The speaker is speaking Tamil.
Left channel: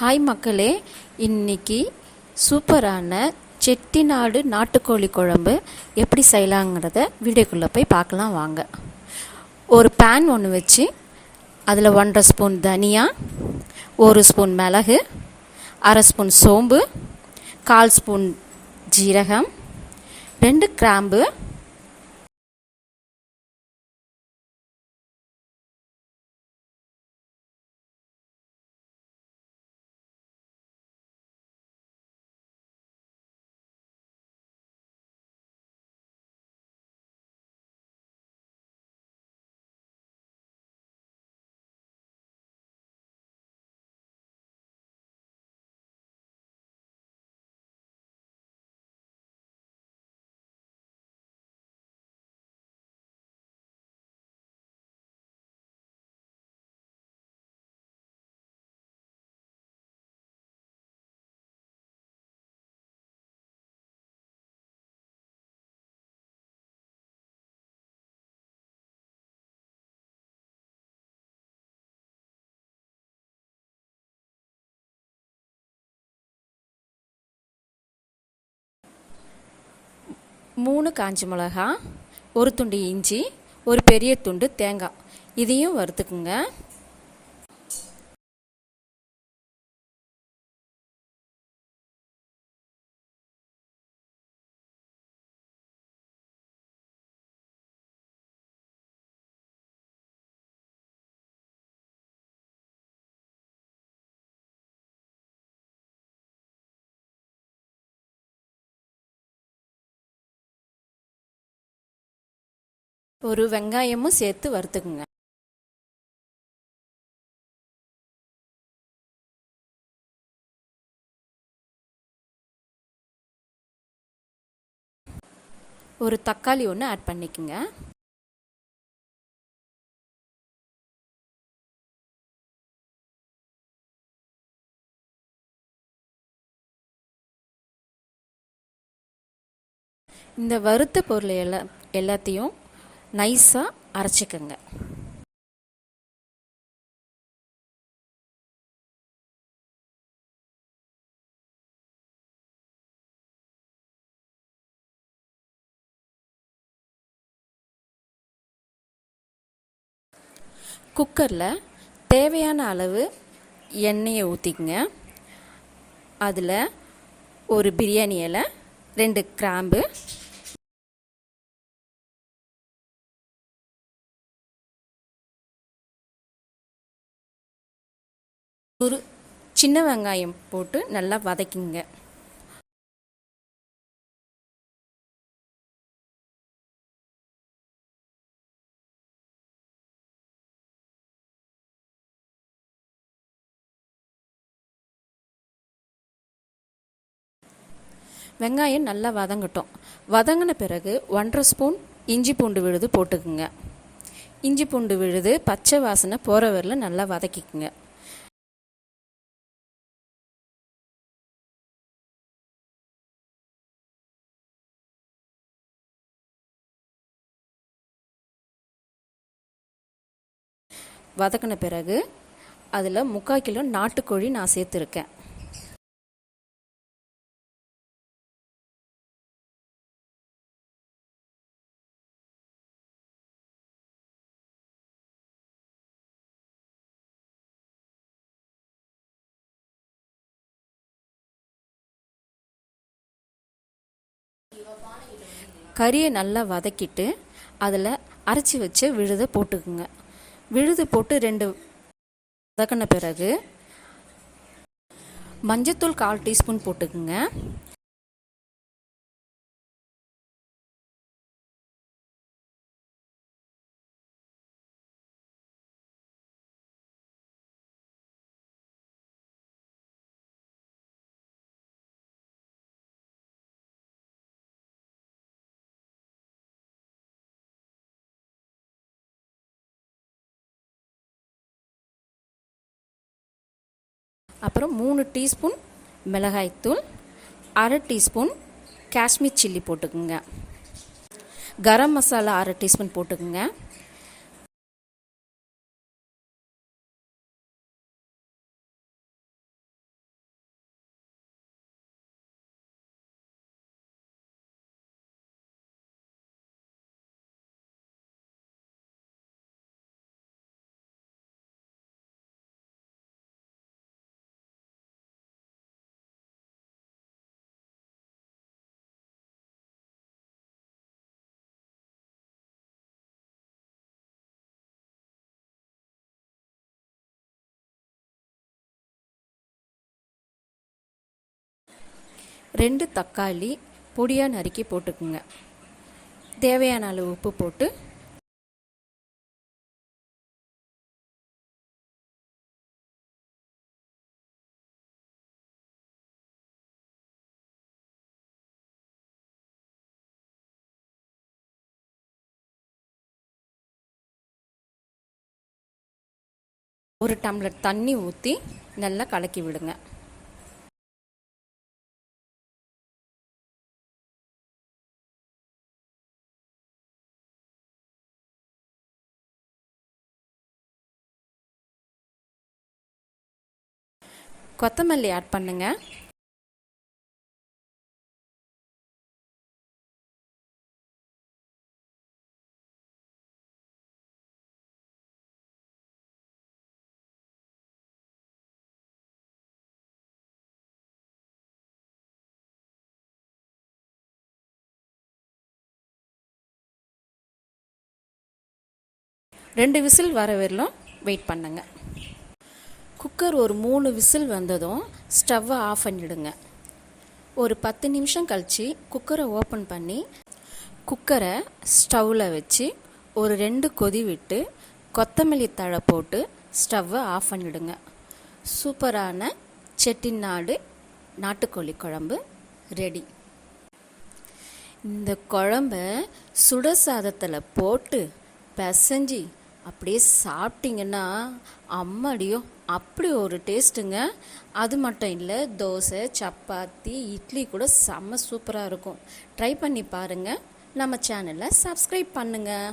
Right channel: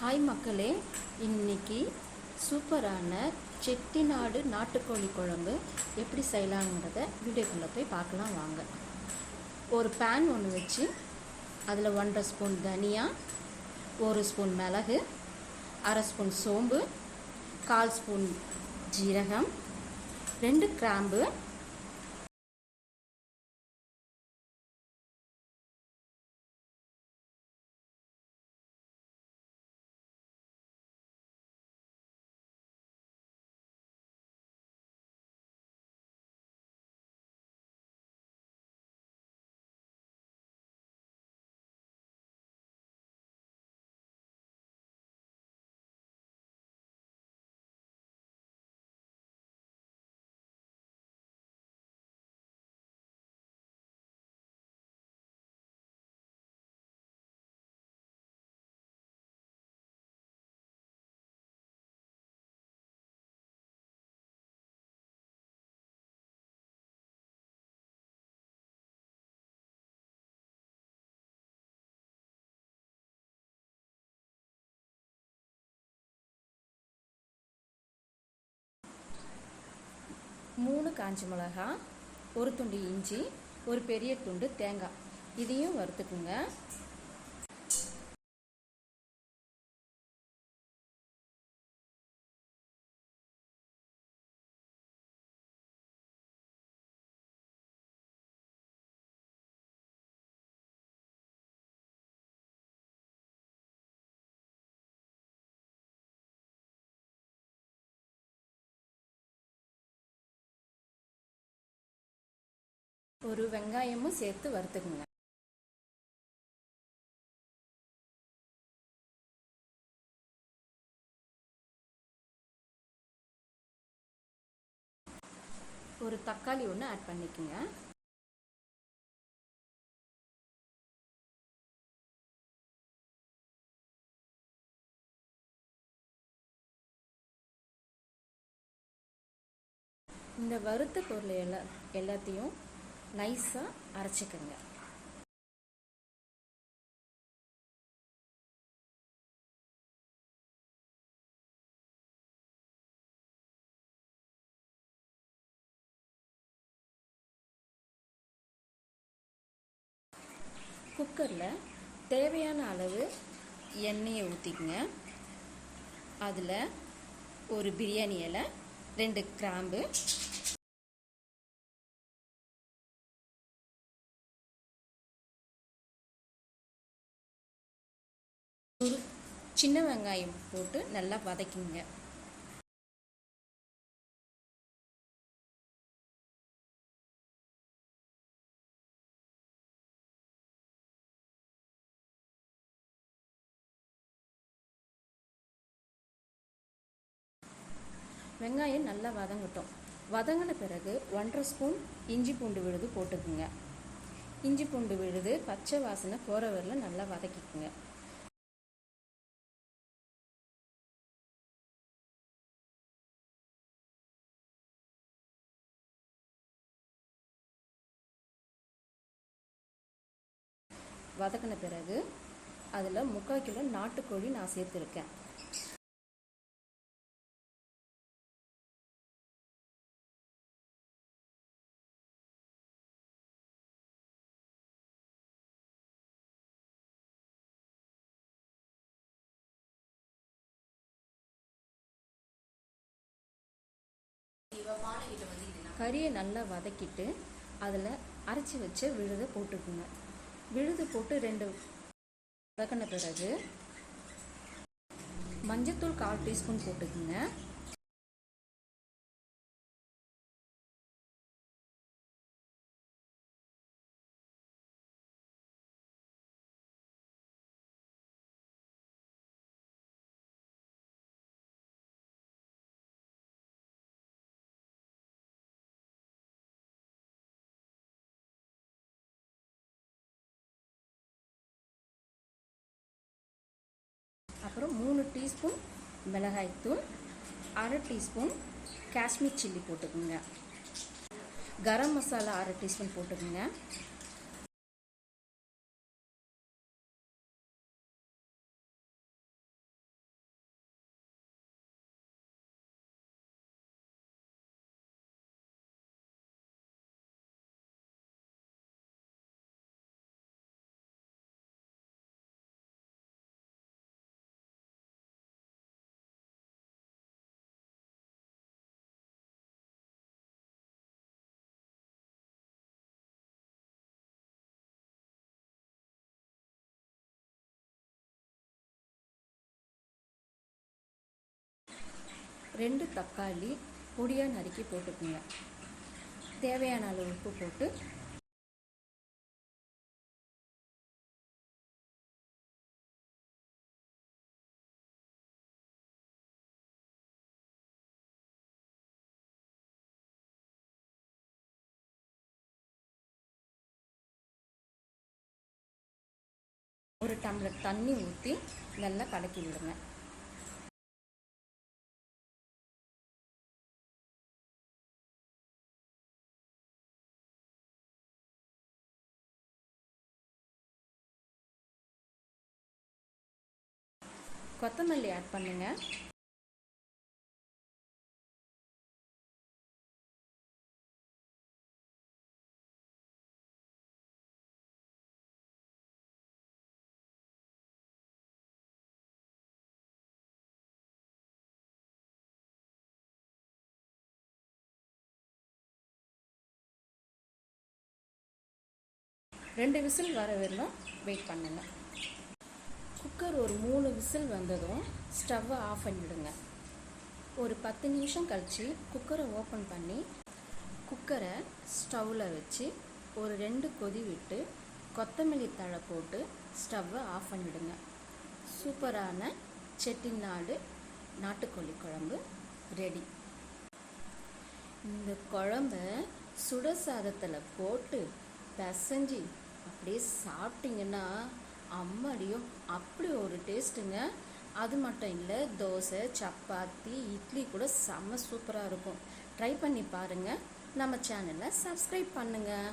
ஹாய் மக்களே இன்னைக்கு சூப்பரான செட்டிநாடு நாட்டுக்கோழி குழம்பு எப்படி செய்யலாங்கிறத வீடியோக்குள்ளே போய் பார்க்கலாம் வாங்க. ஒரு பேன் ஒன்று வச்சு அதில் ஒன்றரை ஸ்பூன் தனியா ஒரு ஸ்பூன் மிளகு அரை ஸ்பூன் சோம்பு கால் ஸ்பூன் ஜீரகம் ரெண்டு கிராம்பு மூணு காஞ்சி மிளகா ஒரு துண்டு இஞ்சி ஒரு பெரிய துண்டு தேங்காய். இதையும் வறுத்துக்குங்க. ஒரு வெங்காயமும் சேர்த்து வறுத்துக்குங்க. ஒரு தக்காளி ஒன்று ஆட் பண்ணிக்கோங்க. இந்த வறுத்த பொருள் எல்லா எல்லாத்தையும் நைஸாக அரைச்சிக்கோங்க. குக்கரில் தேவையான அளவு எண்ணெயை ஊற்றிக்கங்க அதில் ஒரு பிரியாணி இலை ரெண்டு கிராம்பு சின்ன வெங்காயம் போட்டு நல்லா வதக்கிங்க. வெங்காயம் நல்லா வதங்கட்டும். வதங்கின பிறகு ஒன்றரை ஸ்பூன் இஞ்சி பூண்டு விழுது போட்டுக்குங்க. இஞ்சி பூண்டு விழுது பச்சை வாசனை போகிற வரல நல்லா வதக்கிக்குங்க. வதக்கின பிறகு அதில் முக்கால் கிலோ நாட்டுக்கோழி நான் சேர்த்துருக்கேன். கறியை நல்லா வதக்கிட்டு அதில் அரைச்சி வச்சு விழுதை போட்டுக்குங்க. விழுது போட்டு ரெண்டு வதக்கின பிறகு மஞ்சத்தூள் கால் டீஸ்பூன் போட்டுக்குங்க. அப்புறம் மூணு டீஸ்பூன் மிளகாய்த்தூள் அரை டீஸ்பூன் காஷ்மீர் சில்லி போட்டுக்குங்க. கரம் மசாலா அரை டீஸ்பூன் போட்டுக்குங்க. ரெண்டு தக்காளி பொடியாக நறுக்கி போட்டுக்குங்க. தேவையான அளவு உப்பு போட்டு ஒரு டம்ளர் தண்ணி ஊற்றி நல்லா கலக்கி விடுங்க. கொத்தமல்லி ஆட் பண்ணுங்க. ரெண்டு விசில் வர வரலும் வெயிட் பண்ணுங்கள் குக்கர் ஒரு மூணு விசில் வந்ததும் ஸ்டவ்வை ஆஃப் பண்ணிவிடுங்க ஒரு பத்து நிமிஷம் கழித்து குக்கரை ஓப்பன் பண்ணி குக்கரை ஸ்டவ்வில் வச்சு ஒரு ரெண்டு கொதி விட்டு கொத்தமல்லி தழை போட்டு ஸ்டவ்வை ஆஃப் பண்ணிவிடுங்க சூப்பரான செட்டிநாடு நாட்டுக்கோழி குழம்பு ரெடி. இந்த குழம்ப சுட சாதத்தில் போட்டு பிசைஞ்சி அப்படியே சாப்பிட்டிங்கன்னா அம்மாடியோ அப்படி ஒரு டேஸ்ட்டுங்க. அது மட்டும் இல்லை தோசை சப்பாத்தி இட்லி கூட செம்ம சூப்பராக இருக்கும். ட்ரை பண்ணி பாருங்கள் நம்ம சேனலை சப்ஸ்கிரைப் பண்ணுங்கள்